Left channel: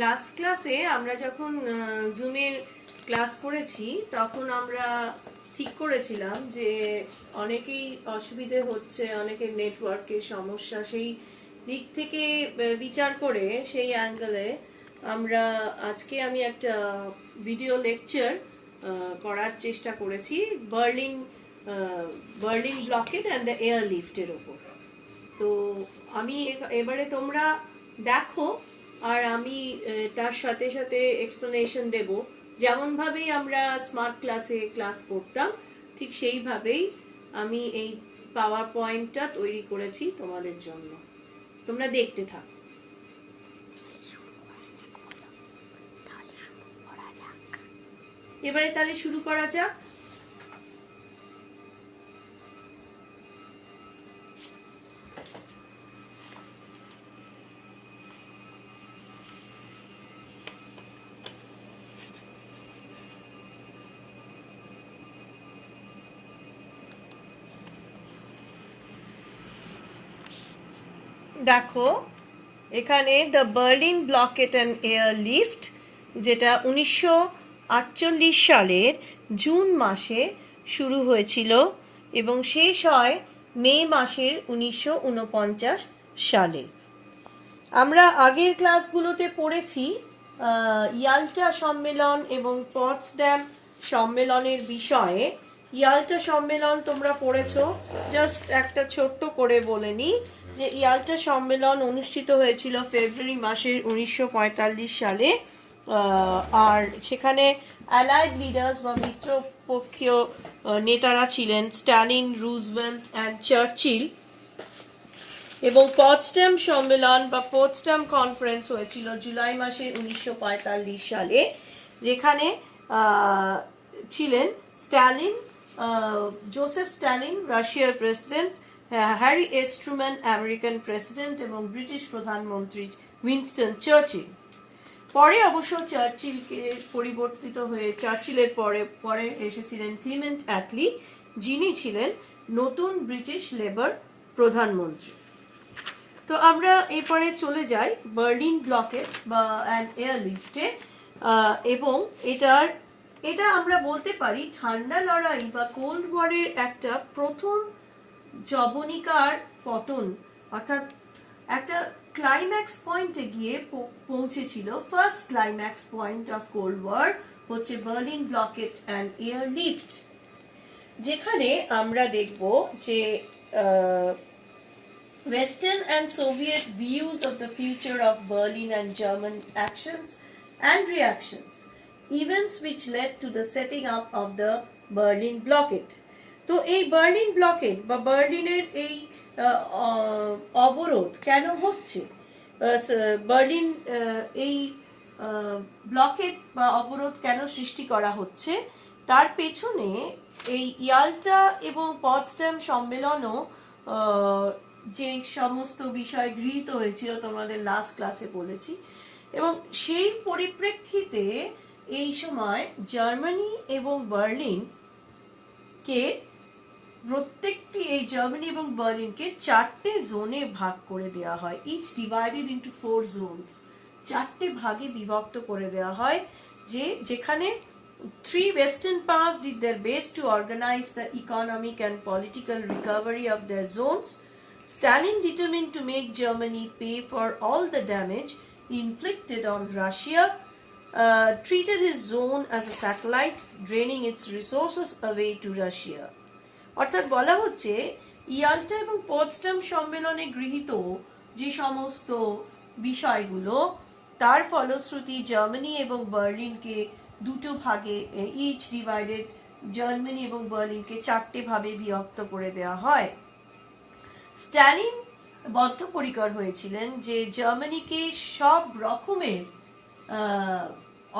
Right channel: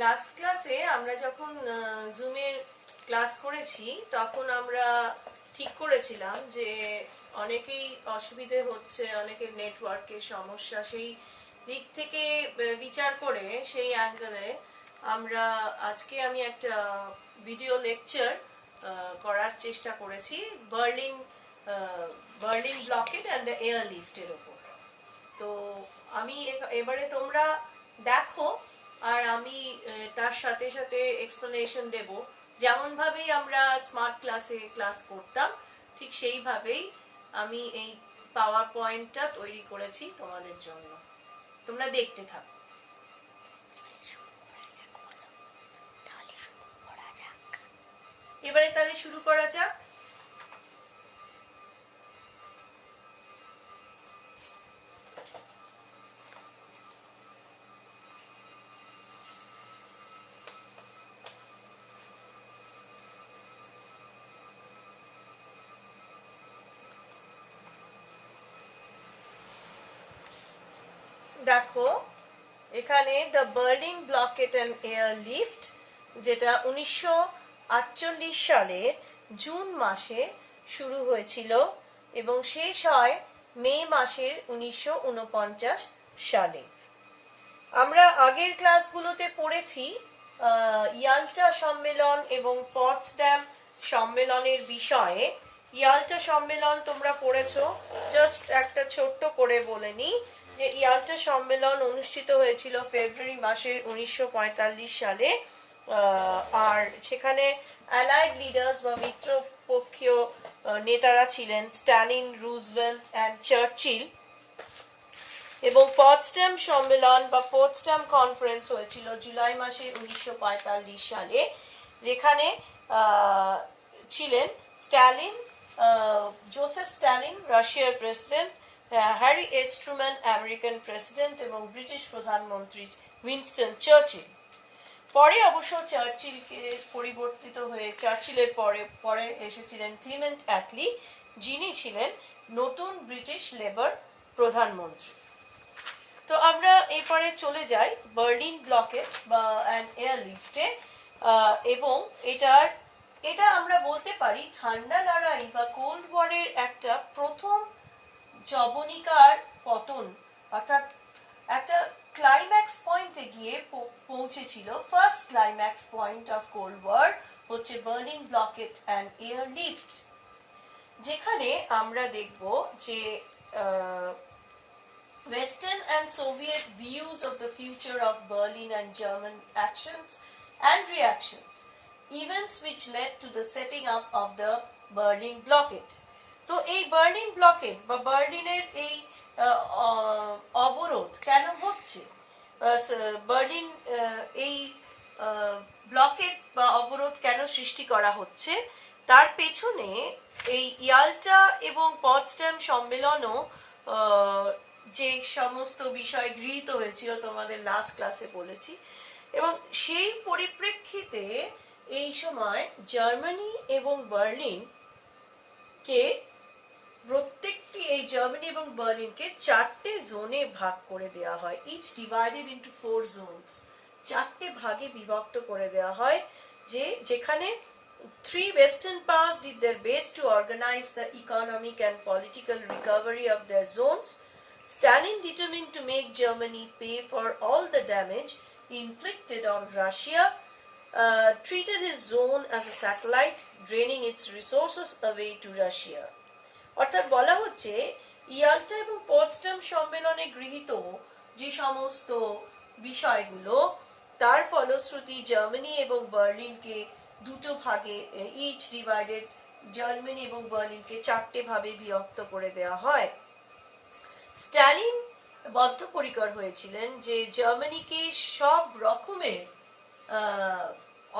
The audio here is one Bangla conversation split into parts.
লাস্ট ক্লাসে আমরা যখন জুমের ক্লাস করেছি তখন আমরা ঠিক করেছিলাম যে অনেকেই অসুবিধে হচ্ছে, অনেকের নেটওয়ার্কের সমস্যা, সেই দিক থেকে বিচার করে সেই অ্যাঙ্গেলে আমরা আজকে আমি একটা ভিডিও লেকচার করার চেষ্টা করেছি Berlin Berlin blockade and the air লিফটের ওপর। তো আমি এবারে তোমরা দেখো, আর আমি তার সাথে সাথে এক্সপ্লেনেশন দেব। যেমন ভাবেই আমরা স্মার্ট ক্লাসে ক্লাস করতাম ঠিক সেইভাবেই আমি এই পাওয়ার পয়েন্টটা তৈরি করেছি তোমাদের জন্য। তোমরা দেখতে থাকো। এবারে তাহলে শুরু করা যাক। দেখো এখানে the Berlin blockade and air lift, যেটা 1948 সালের জুন মাসে শুরু হয়েছিল এবং শেষ হয় মে মাসের 1949 সালে। আমরা আগের ক্লাসগুলোতে পড়েছি ইয়াল্টা সম্মেলন এবং পটসড্যাম সম্মেলনের বিষয়ে। ইয়াল্টা সম্মেলন তোমরা পড়েছো, জাস্ট একটা ছোট্ট করে বলে নিই যে ইয়াল্টা সম্মেলন অনুষ্ঠিত হয়েছিল ফেব্রুয়ারি মাসের 1945 সালে। আর সেখানে অ্যালাইড লিডার্স বা মিত্রপক্ষীয় নেতারা ছিলেন স্ট্যালিন, রুজভেল্ট অ্যান্ড চার্চিল। এবং পটসড্যাম সম্মেলন বা পটসড্যাম কনফারেন্স হয়েছিল জুলাই মাসের 1945 সালে, যেখানে ছিলেন স্ট্যালিন, জোসেফ স্ট্যালিন রাশিয়ার president, Harry S Truman American president এবং ব্রিটিশ প্রধানমন্ত্রী উইনস্টন চার্চিল। পরে অবশ্য চার্চিলকে পরিবর্তিত হয়ে চার্চিলের পরে এসেছিলেন ক্লিমেন্ট অ্যাটলি, যিনি ছিলেন নতুন ব্রিটিশ লেবার প্রধানমন্ত্রী। তো আমরা এরপরে চলে যাই বার্লিন ব্লকেট বা অ্যান্ড এয়ার লিফটে। এবং এটা আমরা বলতে পারি ঠান্ডা লড়াই বা কোল্ড ওয়ারের একটা প্রথম জবনিকার পতন, অর্থাৎ একটা ক্লাইম্যাক্স পয়েন্টে গিয়ে পৌঁছেছিল। First climax point of cold war হচ্ছে Berlin blockade and airlift, যেখানে আমরা দেখব যে Western and Soviet views of the future of Berlin and German actions and reactions, events which led to the setting up of the Berlin blockade. তো এই বার্লিন ব্লকেড বা বার্লিনের এই অবরোধ কেন হচ্ছে, বার্লিন এই ব্লকেড বা অবরোধ কেন সৃষ্টি করা হচ্ছে, তার পেছনে এই ইয়াল্টা এবং পটসড্যাম সম্মেলনও যে সমস্ত বিষয় গৃহীত হয়েছিল তোমাদের লাস্ট ক্লাসে বলেছি। এবং সেই পরিপ্রেক্ষিতে এই সময় জার্মানি এবং বার্লিনকে প্রত্যেকটি এই জার্মানি এবং বার্লিনকে 4টে জোনে ভাগ করে দেওয়া হয়। ইচ ডিভাইডেড ইন্টু 4 জোনস, 4টে ভাগে বিভক্ত করে দেওয়া হয়, যেখানে 3 Western powers did their best to organize the economic and political recovery of their zones. Stalin determined to make Germany pay for all the damage inflicted on Russia, treated his zone as a satellite, draining its resources away to Russia. অর্থাৎ বলা হচ্ছে ইয়াল্টা এবং পটসড্যাম সম্মেলনে গৃহীত যে সমস্ত বিষয়গুলো, তার ফলশ্রুতি জার্মানি এবং বার্লিনকে দুটো ভাগে, ইচ ডিভাইডেড, জার্মানি এবং বার্লিনকে 4টে ভাবে বিভক্ত করে দেওয়া হয়। স্ট্যালিন বদ্ধপরিকর হয়েছিলেন যে জার্মানিকে সব রকমের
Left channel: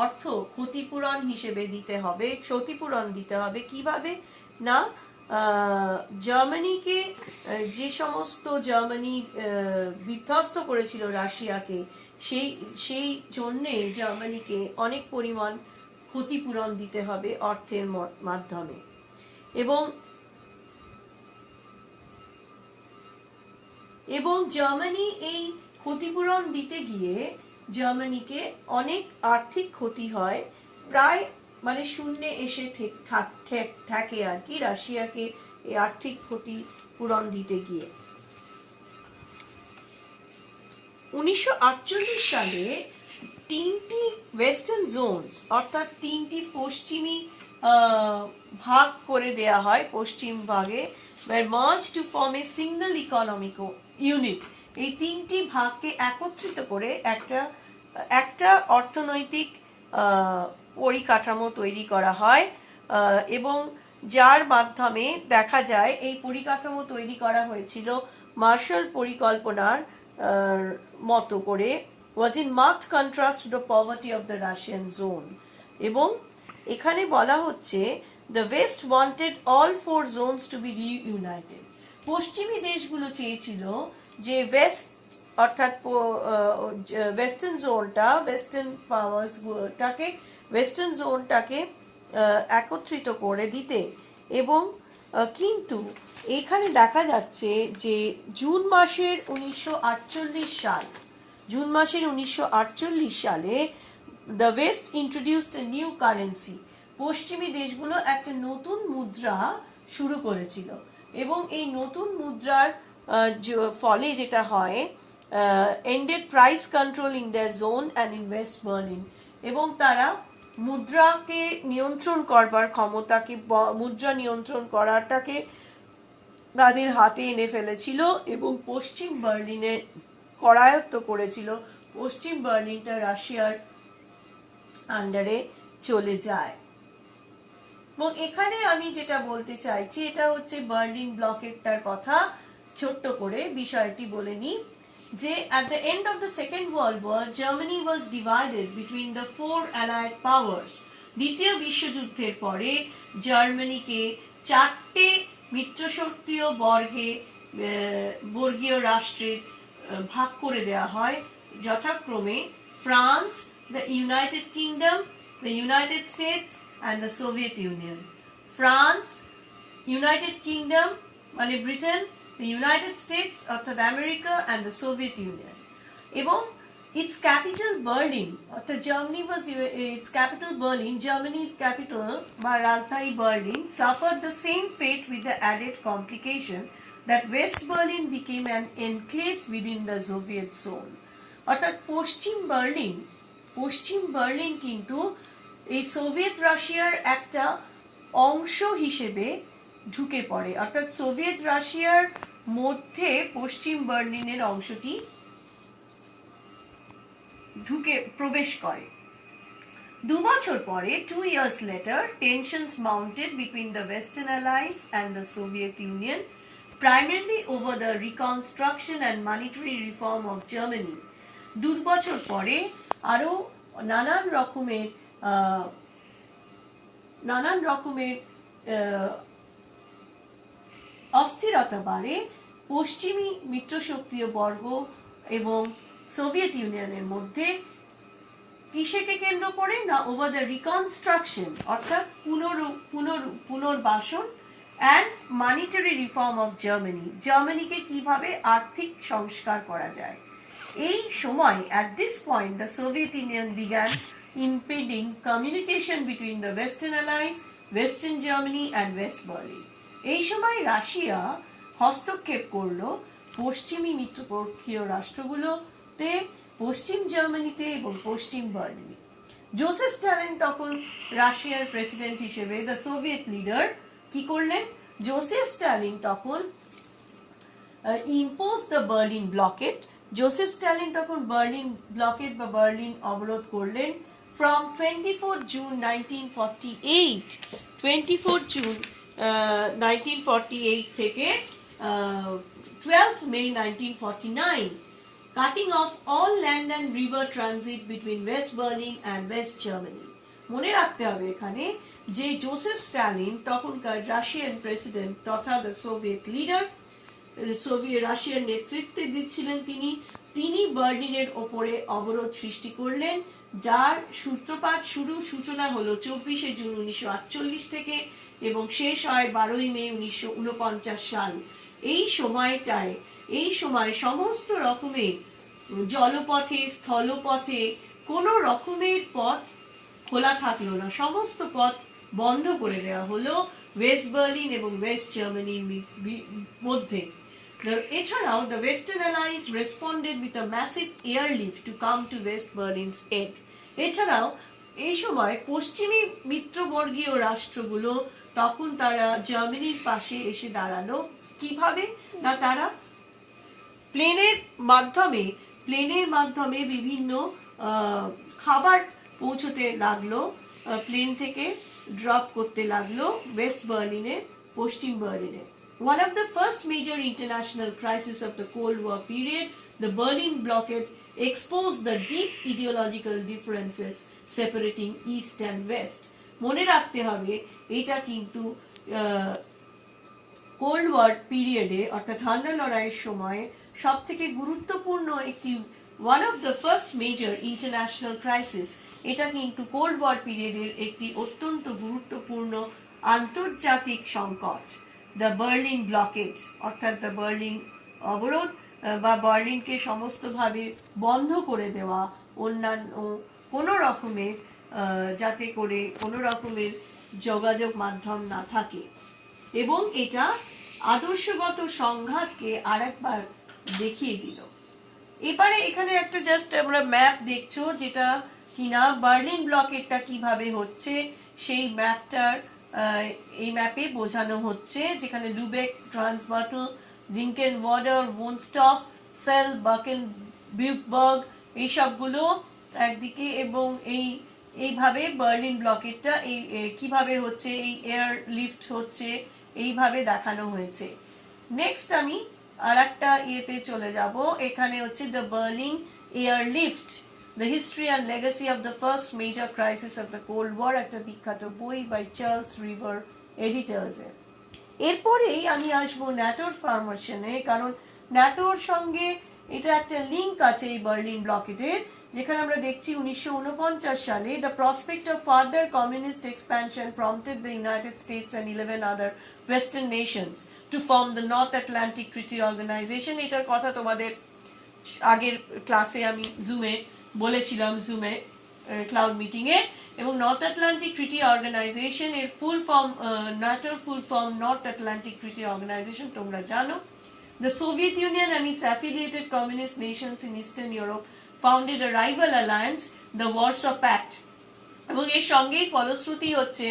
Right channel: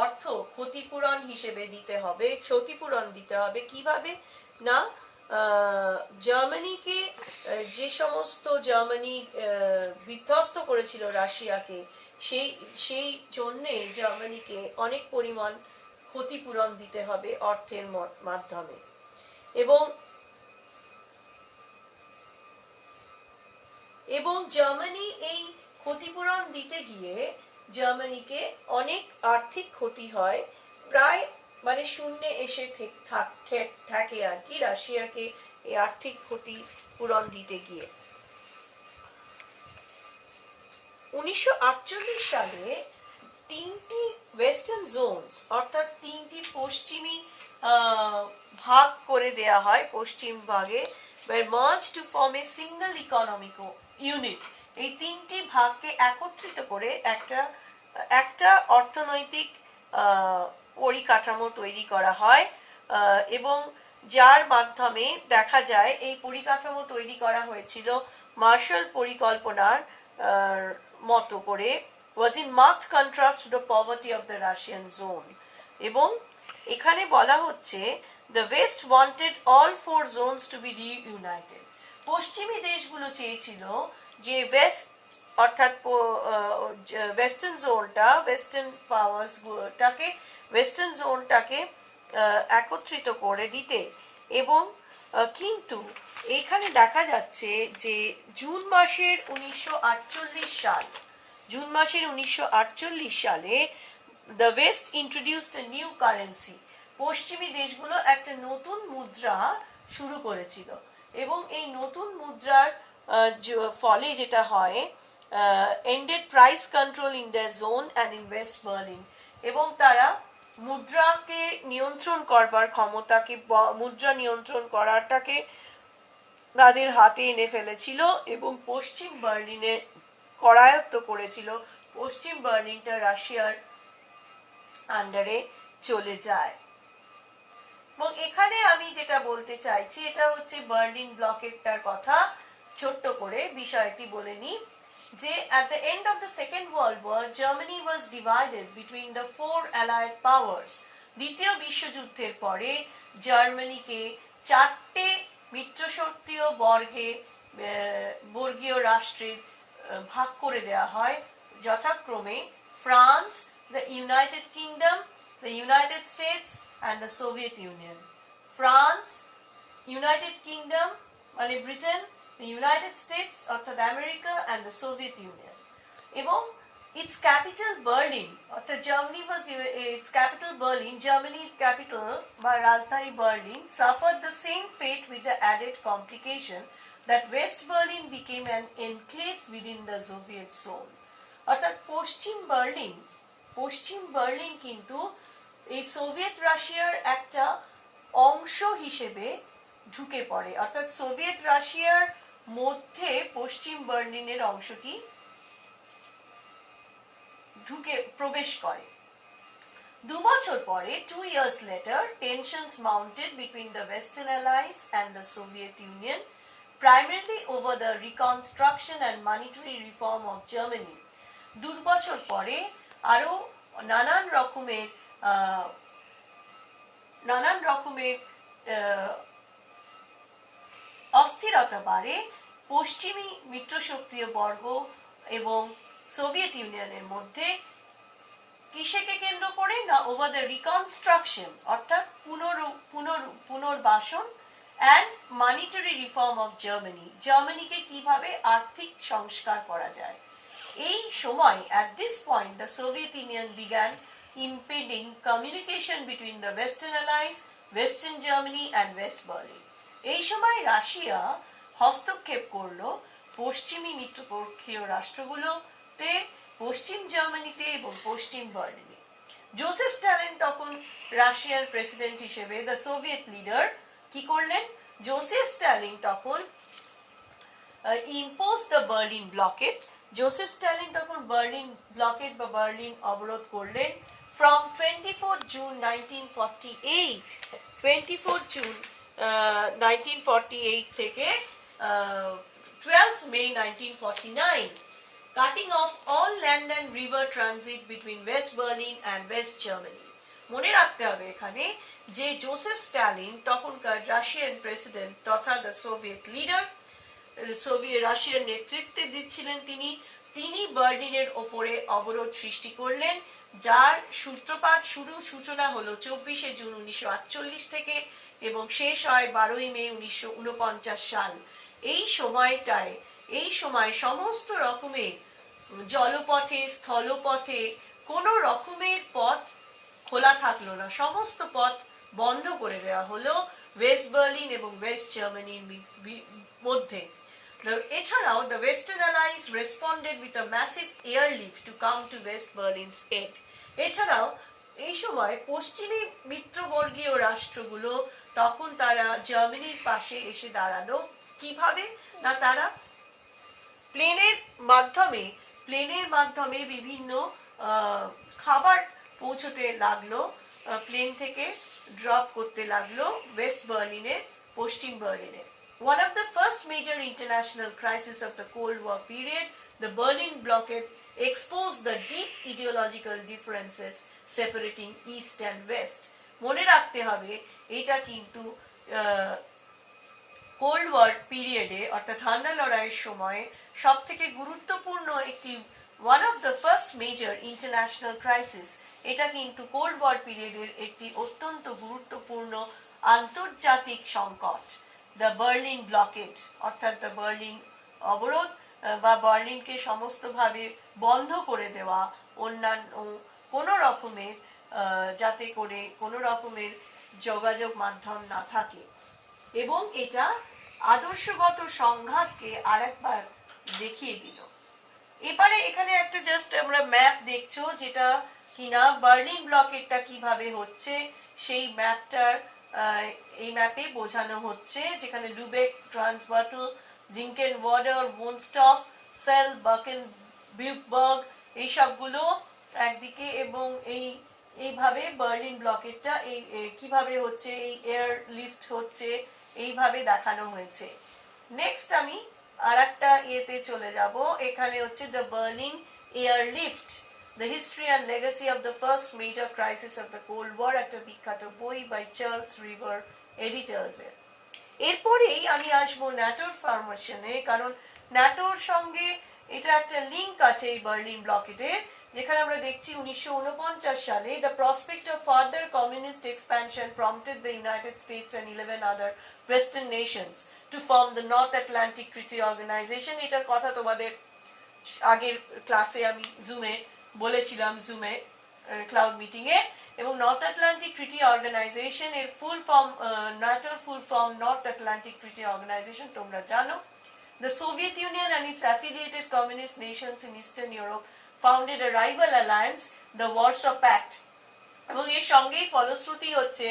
অর্থ ক্ষতিপূরণ হিসেবে দিতে হবে, ক্ষতিপূরণ দিতে হবে। কিভাবে না, জার্মানিকে যে সমস্ত জার্মানি বিধ্বস্ত করেছিল রাশিয়াকে, সেই জন্যে জার্মানিকে অনেক পরিমাণ ক্ষতিপূরণ দিতে হবে অর্থের মাধ্যমে। এবং জার্মানি এই ক্ষতিপূরণ দিতে গিয়ে জার্মানিকে অনেক আর্থিক ক্ষতি হয়, প্রায় মানে শূন্যে এসে থাকে আর কি রাশিয়াকে এই আর্থিক ক্ষতি পূরণ দিতে গিয়ে। 1948 সালে তিনটি ওয়েস্টার্ন জোনস অর্থাৎ তিনটি পশ্চিমী ভাগ করে দেয়া হয়, পশ্চিম ভাগে merge to form a single economic unit. এই তিনটি ভাগকে একত্রিত করে একটা অর্থনৈতিক পরিকাঠামো তৈরি করা হয়, এবং যার মাধ্যমে দেখা যায় এই পরিকাঠামো তৈরি করা হয়েছিল মার্শাল পরিকল্পনার মতো করে, was in marked contrast to the poverty of the Russian zone. এবং এখানে বলা হচ্ছে the West wanted all four zones to be reunited. পশ্চিমী দেশগুলো চেয়েছিল যে ওয়েস্ট অর্থাৎ ওয়েস্টার্ন জোনটা, ওয়েস্টার্ন পাওয়ার্সটাকে, ওয়েস্টার্ন জোনটাকে একত্রিত করে দিতে। এবং কিন্তু এখানে দেখা যাচ্ছে যে জুন মাসের 1948 সালে the West introduced a new currency. পশ্চিমী দেশগুলো একটা নতুন মুদ্রা শুরু করেছিল, এবং এই নতুন মুদ্রার ফলে যেটা হয়, ended price control in their zone and in West Berlin, এবং তারা মুদ্রাকে নিয়ন্ত্রণ করবার ক্ষমতাকে, মুদ্রা নিয়ন্ত্রণ করাটাকে তাদের হাতে এনে ফেলেছিল এবং পশ্চিম বার্লিনে করায়ত্ত করেছিল। পশ্চিম বার্লিনটা রাশিয়ার আন্ডারে চলে যায়। এবং এখানে আমি যেটা বলতে চাইছি এটা হচ্ছে বার্লিন ব্লকেটটার কথা। ছোট্ট করে বিষয়টি বলে নিই যে at the end of the Second World War, Germany was divided between the four Allied powers. দ্বিতীয় বিশ্বযুদ্ধের পরে জার্মানিকে চারটে মিত্রশক্তিয় বর্গীয় রাষ্ট্রের ভাগ করে দেওয়া হয়, যথাক্রমে France, the United Kingdom, the United States and the Soviet Union. France, United Kingdom মানে ব্রিটেন, the United States অর্থাৎ America and the Soviet Union. এবং its capital Berlin অর্থাৎ Germany was its capital Berlin, Germany capital বা রাজধানী Berlin suffered the same fate with the added complication that West Berlin became an enclave within the Soviet zone. অর্থাৎ পশ্চিম বার্লিন কিন্তু এই সোভিয়েত রাশিয়ার একটা অংশ হিসেবে ঢুকে পড়ে, অর্থাৎ সোভিয়েত রাশিয়ার মধ্যে পশ্চিম বার্লিনের অংশটি প্রবেশ করে। 2 বছর পরে, 2 years later, tensions mounted between the Western Allies and the Soviet Union, primarily over the reconstruction and monetary reform of Germany. 2 বছর পরে আরো নানান রকমের অস্থিরতা বাড়ে পশ্চিমী মিত্রশক্তিয় বর্গ এবং সোভিয়েত ইউনিয়নের মধ্যে। কিসেকে কেন্দ্র করে না, ওভার দ্য রিকনস্ট্রাকশন অর্থাৎ পুনর্বাসন অ্যান্ড মানিটারি রিফর্ম অফ জার্মানিকে কিভাবে আর্থিক সংস্কার করা যায়। এই সময় at this point the Soviet Union began impeding communication between the Western Allies, Western Germany and West Berlin. এই সময় রাশিয়া হস্তক্ষেপ করলো পশ্চিমী মিত্রপক্ষীয় রাষ্ট্রগুলোতে, পশ্চিম জার্মানিতে এবং পশ্চিম বার্লিনে। জোসেফ স্ট্যালিন তখন রাশিয়ার প্রেসিডেন্ট হিসেবে, দ্য সোভিয়েত লিডার, কি করলেন? জোসেফ স্ট্যালিন তখন impose the Berlin blockade. Joseph Stalin তখন বার্লিন ব্লকেট বা বার্লিন অবরোধ করলেন from 24 June 1948, 24 June 1948 থেকে 12th May 1949, cutting off all land and river transit between West Berlin and West Germany. মনে রাখতে হবে এখানে যে জোসেফ স্ট্যালিন তখনকার রাশিয়ান প্রেসিডেন্ট তথা দ্য সোভিয়েত লিডার, রাশিয়ার নেতৃত্বে দিচ্ছিলেন তিনি বার্লিনের ওপরে অবরোধ সৃষ্টি করলেন, যার সূচনা হলো 24শে জুন 1948 থেকে এবং শেষ হয় 12ই মে 1949 সাল। এই সময় সমস্ত রকমের জলপথে স্থলপথে কোনো রকমের পথ খোলা থাকলো না, সমস্ত পথ বন্ধ করে দেওয়া হলো ওয়েস্ট বার্লিন এবং ওয়েস্ট জার্মানির মধ্যে। এছাড়াও the western alliance responded with a massive airlift to come to West Berlin's aid. এছাড়াও এই সময় পশ্চিমী মিত্রবর্গীয় রাষ্ট্রগুলো তখন তারা জার্মানির পাশে এসে দাঁড়ালো। কিভাবে না, তারা প্লেনের মাধ্যমে বিভিন্ন খাবার পৌঁছতে লাগলো, প্লেন থেকে ড্রপ করতে লাগলো West বার্লিনের Paschim বার্লিনে। One of the first major international crises of the Cold War period, the Berlin blockade exposed the deep ideological differences separating East and West. মনে রাখতে হবে এটা কিন্তু কোল্ড ওয়ার পিরিয়ডে অর্থাৎ ঠান্ডা লড়াইয়ের সময় সব থেকে গুরুত্বপূর্ণ একটি one of the first major international crisis. এটা কিন্তু কোল্ড ওয়ার পিরিয়ডের একটি অত্যন্ত গুরুত্বপূর্ণ আন্তর্জাতিক সংকট, দ্য বার্লিন ব্লকেড, অর্থাৎ দ্য বার্লিন অবরোধ বা বার্লিনকে সমস্তভাবে বন্ধ করে দেওয়া, অন্যান্য কোনো রকমের যাতে করে কোনো রকমের যোগাযোগ মাধ্যম না থাকে। এবং এটা আদর্শগত সংঘাতকে আরেকবার দেখিয়ে দিল। এবারে এখানে একটা জাস্ট আমরা ম্যাপ দেখছো, যেটা কিনা বার্লিন ব্লকেটটা কিভাবে হচ্ছে সেই ম্যাপটার এই ম্যাপে বোঝানো হচ্ছে, যেখানে লুবেক, ট্রান্সবার্টল, জিঙ্কেন ওয়াডার, ওনস্টফ, সেল, বাকেন বিউকবার্গ এইসবগুলো একদিকে, এবং এইভাবে বার্লিন ব্লকেটটা কিভাবে হচ্ছে, এই এয়ার লিফট হচ্ছে, এইভাবে দেখানো হয়েছে। নেক্সট আমি আর একটা ইয়েতে চলে যাব, এখানে হচ্ছে the Berlin airlift, the history and legacy of the first major crisis of the cold war, একটা বিখ্যাত বই বাই চার্লস রিভার এডিটর্সের। এরপরেই আমি আসবো ন্যাটোর ফরমেশনে, কারণ ন্যাটোর সঙ্গে এটা একটা লিঙ্ক আছে এই বার্লিন ব্লকেটের, যেখানে আমরা দেখছি 1949 সালে the prospect of further communist expansion prompted the United States and 11 other western nations to form the North Atlantic treaty organisation. এটার কথা তোমাদের আগের ক্লাসে আমি বলেছিলাম জুমে ক্লাউড মিটিং এ। এবং নর্থ আটলান্টিক ট্রিটি অর্গানাইজেশন এর ফুল ফর্ম, ন্যাটোর full form north Atlantic treaty organisation তোমরা জানো। The Soviet Union and its affiliated communist nations in Eastern Europe founded a rival alliance, the Warsaw Pact, এবং এর সঙ্গেই ফলশ্রুতি হচ্ছে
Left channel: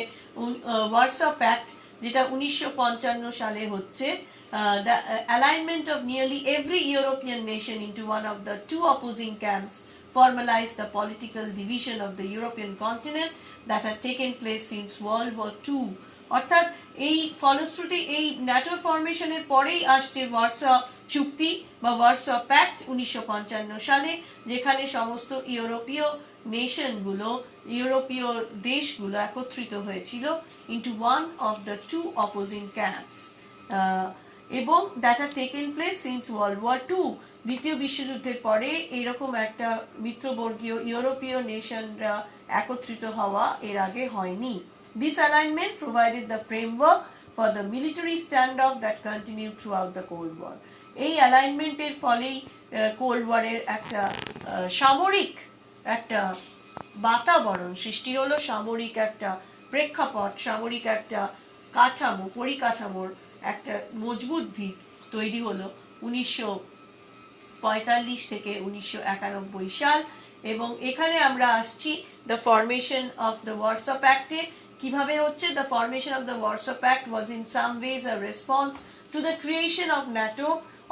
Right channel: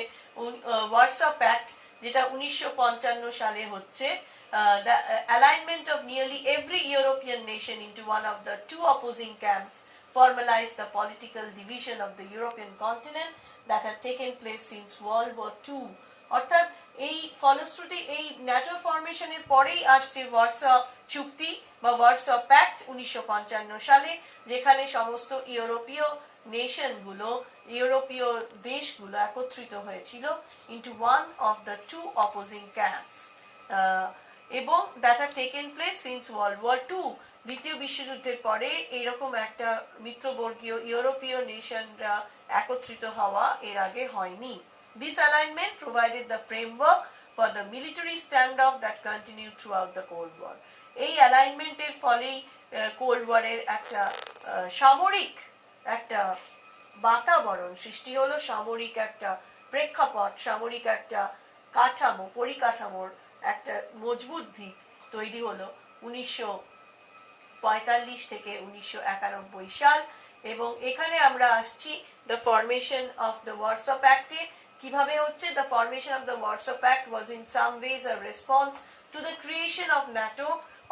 Warsaw Pact, যেটা 1955 সালে হচ্ছে। The alignment of nearly every European nation into one of the two opposing camps formalized the political division of the European continent that had taken place since World War II. অর্থাৎ এই ফলশ্রুতি এই ন্যাটো ফরমেশনের পরেই আসছে ওয়ারসা চুক্তি বা ওয়ারসা প্যাক্ট 1955 সালে, যেখানে সমস্ত ইউরোপীয় দেশগুলো একত্রিত হয়েছিল into one of the two opposing camps, এবং that had taken place since World War two. দ্বিতীয় বিশ্বযুদ্ধের পরে এরকম একটা মিত্রবর্গীয় ইউরোপীয় নেশনরা একত্রিত হওয়া এর আগে হয়নি। This alignment provided the framework for the military standoff that continued throughout the Cold War. এই অ্যালাইনমেন্টের ফলেই কোল্ড ওয়ারের একটা সামরিক একটা বাতাবরণ সৃষ্টি হলো, সামরিক একটা প্রেক্ষাপট, সামরিক একটা পরিকাঠামোর একটা মজবুত ভিত তৈরি হলো 1945 থেকে 1991 সাল। এবং এখানে আমরা আসছি the formation of the Warsaw প্যাক্টে কিভাবে হচ্ছে। The formation of the Warsaw pact was in some ways a response to the creation of NATO,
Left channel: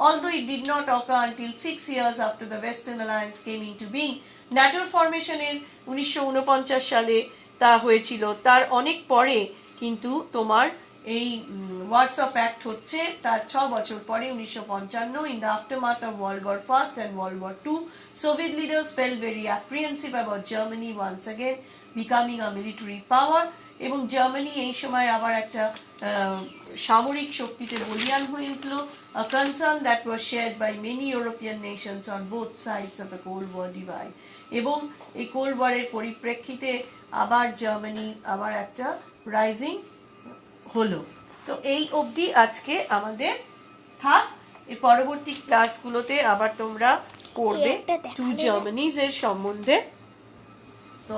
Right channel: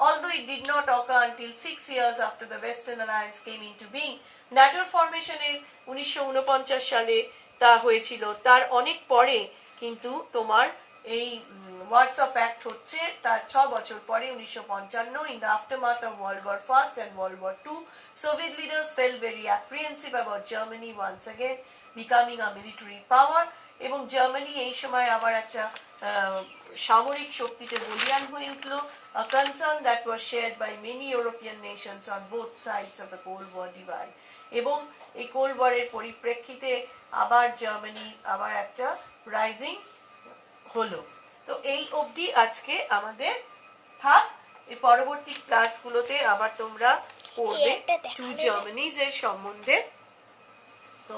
although it did not occur until 6 years after the Western Alliance came into being. ন্যাটোর ফরমেশনের 1949 সালে তা হয়েছিল, তার অনেক পরে কিন্তু তোমার এই ওয়ারসা প্যাক্ট হচ্ছে তার 6 বছর পরে 1955। In the aftermath of World War I and World War II, Soviet leaders felt very apprehensive about Germany once again becoming a military power, এবং জার্মানি এই সময় আবার একটা সামরিক শক্তিতে বলিয়ান হয়ে উঠল, a concern that was shared by many European nations on both sides of the Cold War divide. এবং এই কোল্ড ওয়ারের পরিপ্রেক্ষিতে আবার জার্মানি আবার একটা রাইজিং হলো। তো এই অবধি আজকে আমাদের থাক, এই পরবর্তী ক্লাসগুলোতে আবার তোমরা করবে টু জার্মানিজ এর সম্বন্ধে। তো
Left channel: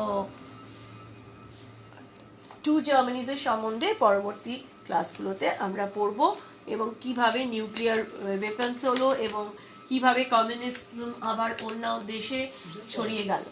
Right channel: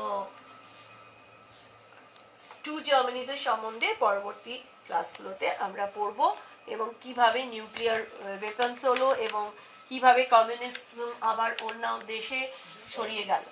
টু জার্মানিজ এর সম্বন্ধে পরবর্তী ক্লাসগুলোতে আমরা পড়বো, এবং কিভাবে নিউক্লিয়ার ওয়েপন্স হলো এবং কিভাবে কমিউনিজম আবার অন্য দেশে ছড়িয়ে গেল।